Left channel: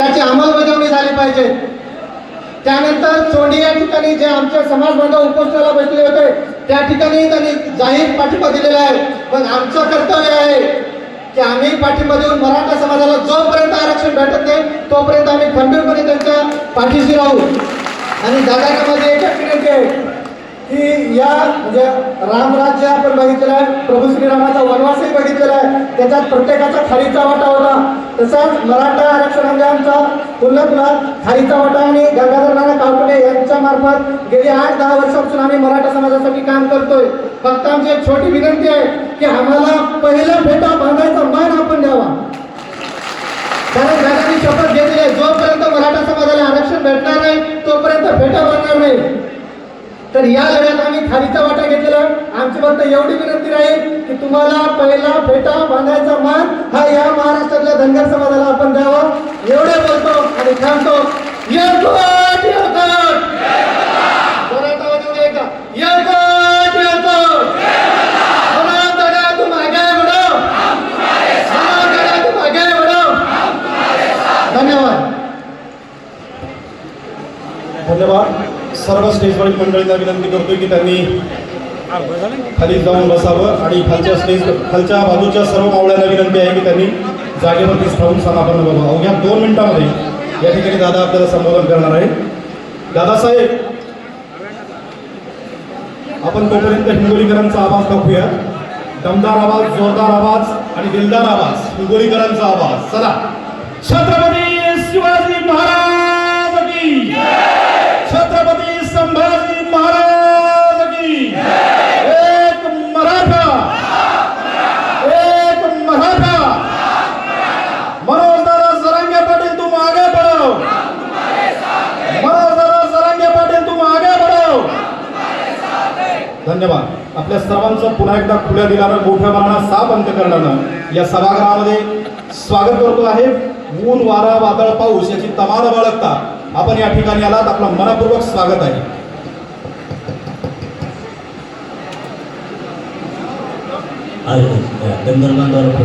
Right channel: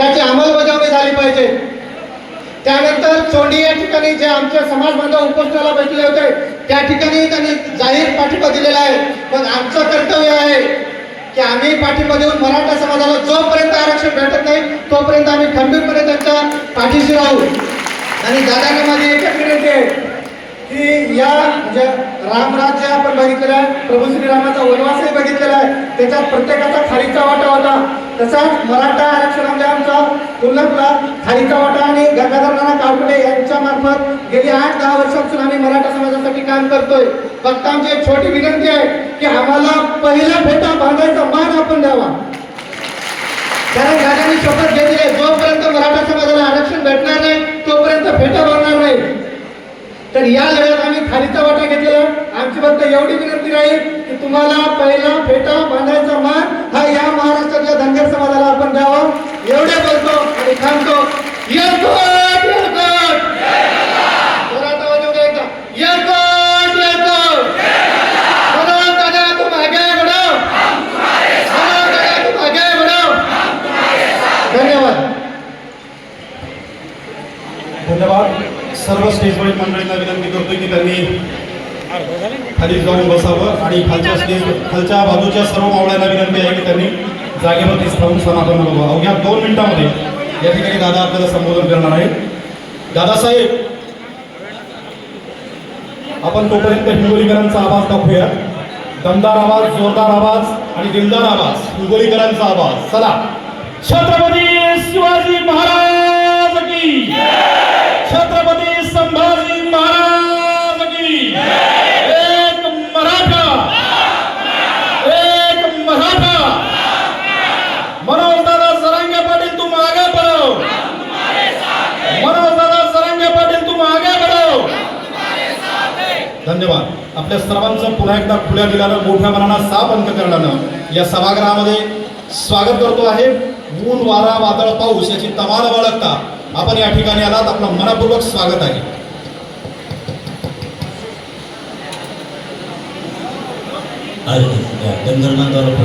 त्याची अंमलबजावणी झाली पाहिजे. त्यानंतर चोंडी या ठिकाणी जे आमचे समाज बांधव उपोषणाला बसले होते त्या ठिकाणी त्यांनी जाहीर पाठिंबा दिलेला आहे. पण आमचं कर्तव्य आहे की आम्ही पाठिंबा देऊन मराठा समाजाला जोपर्यंत आरक्षण भेटत नाही तोपर्यंत आम्ही गंभीरपणे त्यांच्या पाठीशी राहू. आणि दादामध्ये एकच विनंती आहे की या म्हणजे रामराज्य आपण बघितलेलं आहे प्रभू श्रीरामाचा वनवासही बघितलेला आहे त्याच्यात प्रत्येकाचा खारीचा तसंच मराठा आरक्षण आमचा कोल्हापूरला खारीचा वाटा आणि गंगाधर नाना काळपुडे यांच्या मार्फत गेली आठ दहा वर्षापासून आम्ही मराठा समाजासाठी काम करतोय. फक्त आमची एक छोटी विनंती आहे की आम्हाला पहिला भेटा बांधायचा मान आपण द्यावा कारण दादांनी शपथ घेतली आहे जोपर्यंत मराठा समाजाला आरक्षण भेटणार नाही तोपर्यंत फेटा बांधणार नाही तर या लढ्यात आम्ही खारीचा वाटा घेतलेला. आमची फक्त एवढी विनंती राहील की तुम्हाला पहिला फेटा बांधायचा मान हा या महाराष्ट्रातल्या धनगर समाजाला आपण द्यावा. एवढे बोलतो आणि थांबतो. येतो धन्यवाद. सर्व स्टेजवरील मंडळींना विनंती करतो की त्यांनी खाली जाऊन बसावं आणि खालच्या स्टेज खालच्या बाजूच्या सर्व मावळ्यांना विनंती आहे की त्यांनी जागेवरतीच राहून समाधान बघावं अवघ्या दोन मिनिटांमध्ये या ठिकाणी दादा आपल्याला संबोधन करणार आहे दादासाहेब आपण तोपर्यंत हिंगोलीकरांचा आवाज दाखवूया. दमदार आवाज जोरदार आवाज आणि दिलदार आवाज. हिंगोलीकरांचा आवाज. चला. छत्रपती शिवाजी धन्यवाद. आपल्या सर्वांचं पुन्हा एकदा खुल्या दिलानं मोठ्या मनानं साप अंक करण्यानं या सभागृहामध्ये स्वागत करतो आहे. ऊन वारा वादळ पाऊस याची तमाल बाळगता आपण या ठिकाणी आलात. आपलं मनापूर्वक स्वागत आहे. गंधर्वांद्वारा